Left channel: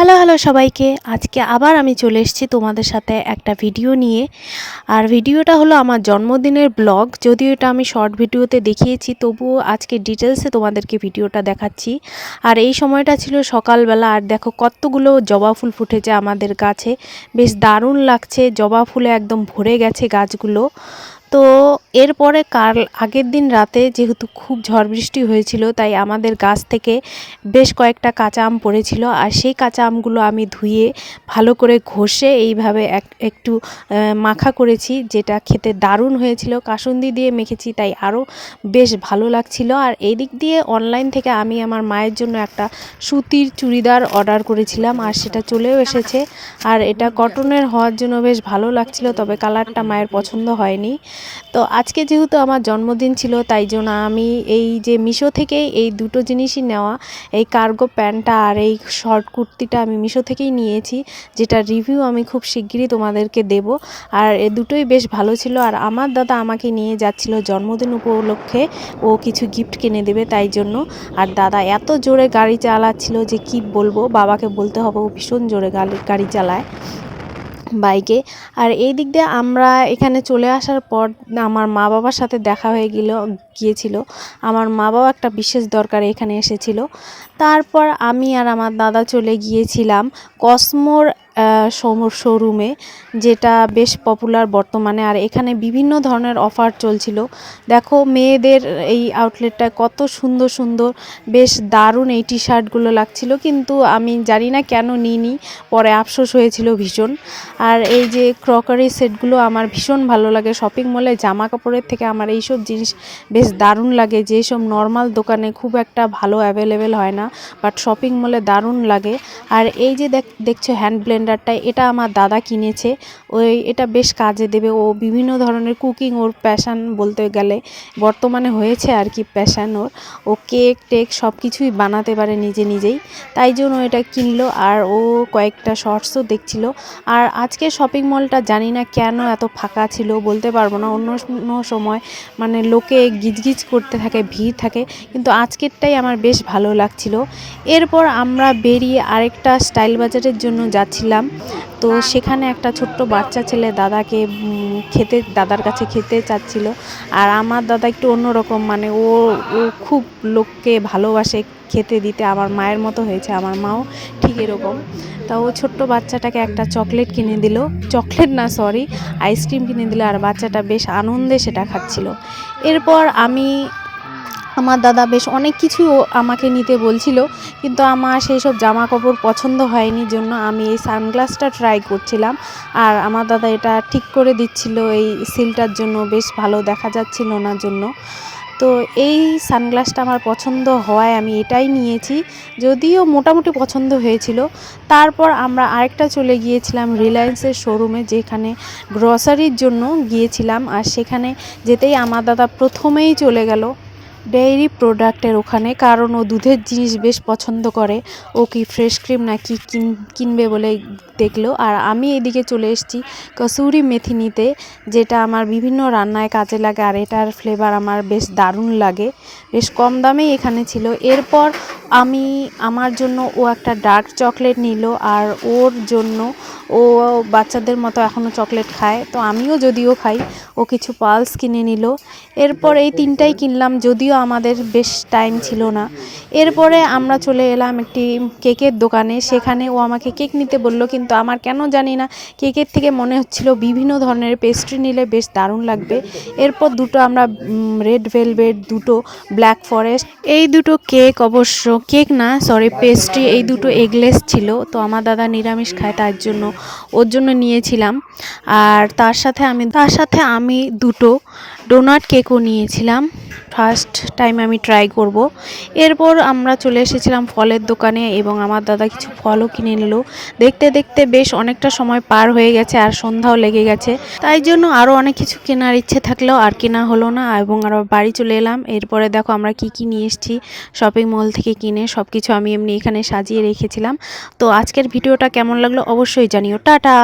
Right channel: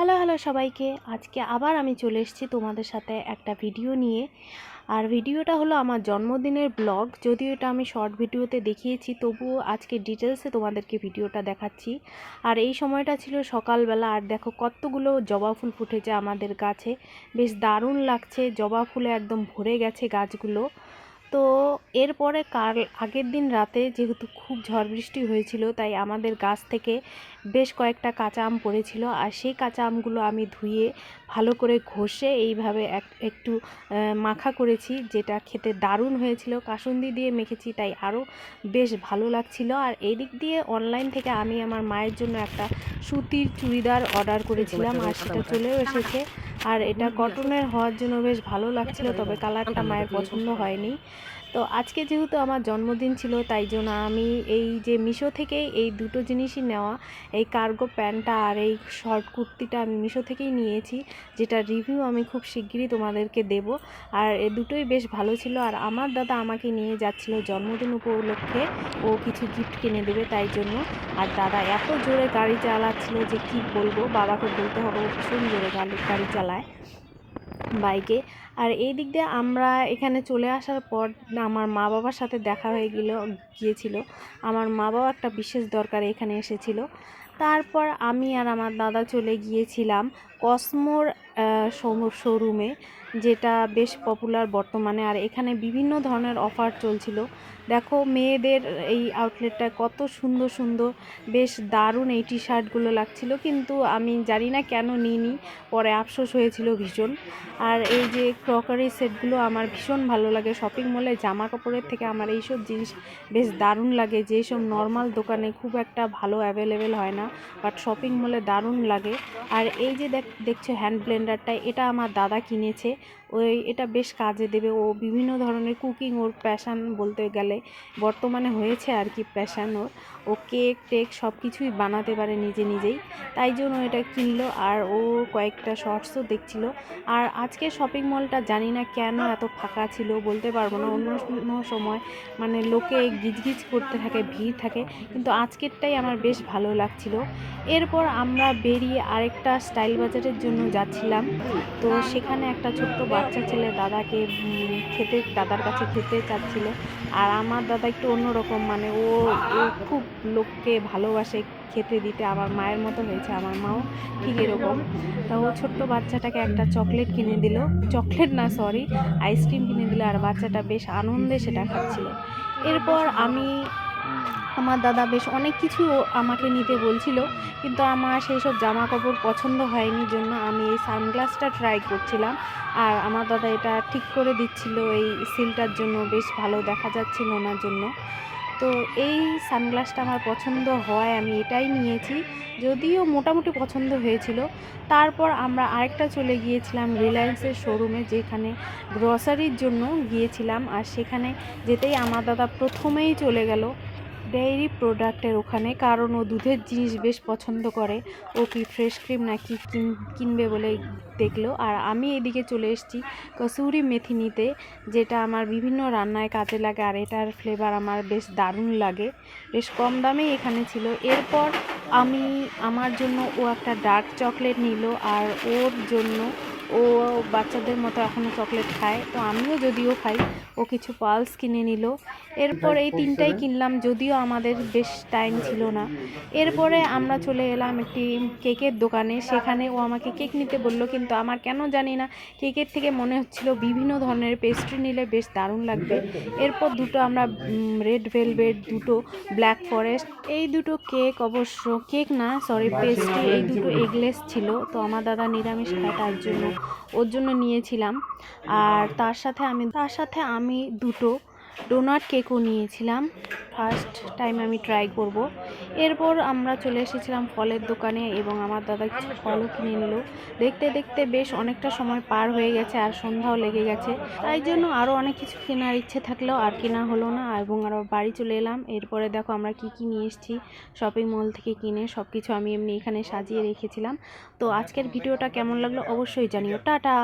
Hello hello সবাইকে। আজকে আবার আমি চলে এসেছি তোমাদের সাথে একটা ভিডিও নিয়ে। আর ভিডিওটা হলো আমার জন্মদিনের ব্লগ। যদিও এটা আমি শর্ট ভিডিওতে দেখিয়েছি, তবুও আজকে ডিটেলসে তোমাদেরকে ভিডিওটা দেখাচ্ছি। আর এই সময়টা ছিল সকালবেলা, আর দেখো কতগুলো জবা ফুল ফুটেছে আমাদের গাছে। বেশ দারুণ লাগছে, জবা ফুলে একদম ভরে গেছে গাছগুলো। তো এরপরে কাল আগের দিন রাতে যেহেতু খুব ঝড় বৃষ্টি হয়েছিল, তাই আমাদের গাছ থেকে বেশ কয়েকটা কাঁচা আম পড়েছিল। আর সেই কাঁচা আমগুলো আমি ধুয়ে ভালো করে ঘষে এইভাবে এক, একটু মাখা করেছি, যেটা খেতে দারুণ হয়েছিল। কাসুন্দি দিয়ে মেখেছি, তাই আরও বেশ ভালো লাগছিল। আর এই দিক দিয়ে অনলাইন থেকে আমি আমার মায়ের জন্য একটা সুতির চুড়িদার অর্ডার করেছিলাম, আর সেটা চলেও এসেছে। আর এটা কটনের হওয়ার জন্য বেশ ভালো লাগছিল, তবে কালারটা মায়ের পছন্দ হয়নি। তো আজকে যেহেতু আমার জন্মদিন ছিল, তাই জন্য আমি এই যে মিশো থেকে এই দুটো জিনিসই নেওয়া, এই কার্গো প্যান্টটা আর এই শর্ট কুর্তিটা আমি মিশো থেকেই নিয়েছি, যেটা রিভিউ আমি খুব শিগগিরই তোমাদেরকে দেব। আর এ দুটোই বেশ ভালো ছিল। আর আমার দাদা আমাকে নিয়ে যাচ্ছিল জন্মদিন উপলক্ষে, ও কিছু গিফট কিনে দেবে তাই জন্য। আর দাদা এত জোরে গাড়ি চালাচ্ছিল যে কি বলব, বাবাকে বলতে হবে ও ভীষণ জোরে গাড়ি গাড়ি চালায়। বাইকে। আর এই দিক দিয়ে আমরা এখানে চলে আসার পর আমার মা বাবার সাথে দেখা হয়ে গেল, গিয়েছিল। আমার মা বাবা একটা বিশেষ দরকারে এখানে এসেছিল। তারপর আমি আর আমার দাদা চলে গিয়েছিলাম কসমোর শোরুমে, যেটা বেশ পপুলার বর্তমানে। আর এখানে বিভিন্ন ধরনের অফার চলছিল। দেখো, মেয়েদের এই আউটলেটটায় কত সুন্দর সুন্দর, বেশ দারুণ এই টি শার্টগুলো লাগছিল। কিন্তু আমি জানি না কেন নিইনি, পরে আফসোস হয়েছিল ভীষণ। আর এই যে ক্রকারি সেটগুলো আমার ভীষণ ভালো লাগে। শপিং মলে জামা কাপড়ের থেকে আমার এইসব জিনিস বেশ দারুণ লাগে। যেসব নর্মাল দোকানে খুব একটা ভালো অ্যাভেলেবেল হয় না বাট শপিং মলে দারুণ লাগে। আর এই যে দেখ, দেখছ হ্যান্ড ব্লেন্ডারটা এটা আমার দাদা কিনেছে। ওই এটা বেশ কাজে দেবে। ও বিভিন্ন ধরনের কুকিং ওর প্যাশান বলতে গেলে বর্তমানে হয়েছে আর কি প্যাশান ওর। ও কেক টেক সব কিছুই বানাতে পারে নিজে নিজেই। তাই জন্য এটা কিনলো আর ও কয়েকটা শর্টসও দেখছিল। আর আজকে শপিং মলটা জানি না কেন এত ফাঁকা ছিল বলতে পারব না। অন্য সময় মানে লোকে গিজগিজ করতে থাকে, ভিড় থাকে। কিন্তু আজকেরটাই আমার বেশ ভালো লাগছিল। এরপর আমরা বেরিয়ে আরেকটা স্টাইল বাজারের জন্য যাচ্ছিলাম। তো সেখানে একটা ছোট্ট বাচ্চা ছেলে দাদাকে খেতে, দাদার কাছে খেতে চাচ্ছিল। আর আমার দাদা একটু অন্যরকম মানে ও ও খুব লোককে ভালোবাসে, খেতে দিতে। আমার মায়ের মতো হয়েছে, আমার মাও ঠিক এরকম। তা ও ছোট্ট বাচ্চাটাকে একটা চকলেট কিনে দিল। চকলেট না সরি আইসক্রিম কিনে দিল। আর বাচ্চাটা বেশ আনন্দে সেটা খাচ্ছিল। এরপর আমি আমার দাদা বেশ অনেক কিছু আমাকে নিতে বলছিল, কিন্তু আমার সেই সব জামা কাপড় পছন্দ হয়নি জন্য আমি এই সানগ্লাসটা ট্রাই করছিলাম। আর আমার দাদা এটা ঠিক করে দিচ্ছিল, এই সিলটার জন্য বেশ ভালো দেখা যাচ্ছিল না জন্য। তো এই সানগ্লাসটা আমার পছন্দ হওয়ায় আমি এটাই নিয়েছি, যদিও মোটামুটি পছন্দ হয়েছিল। তারপর আমরা আরেকটা চলে গিয়েছিলাম রিলায়েন্সের শোরুমে যেখানে গ্রসারির জন্য গিয়েছিলাম। আর সেখানে যেতেই আমার দাদা প্রথমেই চলে গেল। ডেইরি প্রোডাক্টের ওখানে, কারণ ও দুধের জিনিস বেশ পছন্দ করে। ও কি ফ্রেশ ক্রিম না কি কিন- কিনবে বলে দেখল। আর আমি এদিকে চলে এসেছি কসুরি মেথি নিতে যেটা আমার বিভিন্ন রান্নায় কাজে লাগে, আর এটার ফ্লেভার আমার বেশ দারুণ লাগে। বেশ কম দামেই এখানে ছিল। এরপর আমি, আমার জন্য ও একটা ডার্ক চকলেট নিল, আর ওর জন্য ও বাচ্চাদের মতো এখনও চকলেট খায়। তো আমিও যদিও খাই, ও কিছু পালস কিনে নিল। এরপর এই তিনটাই কিনলাম, যদিও আমাদের বেশ টাইম ছিল না। এরপরে আমরা চলে এলাম একটি কেকের দোকানে। সেখানে ও আমাকে কেক নিতে বলল, কিন্তু আমার কেন জানি না, কেকের থেকে মনে হচ্ছিল বিভিন্ন ধরনের পেস্ট্রি নিলে বেশ দারুণ লাগবে। এরপর দুটো আমরা রেড ভেলভেট, দুটো ব্ল্যাক ফরেস্ট, এই দুটো কেক অবশ্য, কেক না, সরি, পেস্ট্রি, এই দুটো এগলেস ছিল। তো আমার দাদা নিরামিষ খায়, তার জন্য ওর জন্য নিয়েছিলাম। আর তার সাথে আমি তার সাথে আমি দুটো ডোনাট কেকও নিয়েছিলাম। ফার্স্ট টাইম আমি ট্রাই করব। এরপর আমরা চলে এসেছিলাম ফলের দোকানে এবং আমার দাদা কিছু ফলও কিনে নিল। দেখতে দেখতে বেশ অনেকটা সময় পার হয়ে গেছে আর সন্ধ্যাও লেগে গেছে। তাই জন্য আরও অনেক কিছু কেনার ইচ্ছে থাকলেও আর কেনা হলো না এবং আরও বাড়ি চলে এলাম। এরপরে দেখো আমরা কি কি নিয়ে এসেছি। শপিং মল থেকে কিনে সব কিছু আমি এমনি এখানে সাজিয়ে রেখেছিলাম। তো আজকের ভিডিওটা কেমন লাগল অবশ্যই জানিও। টাটা!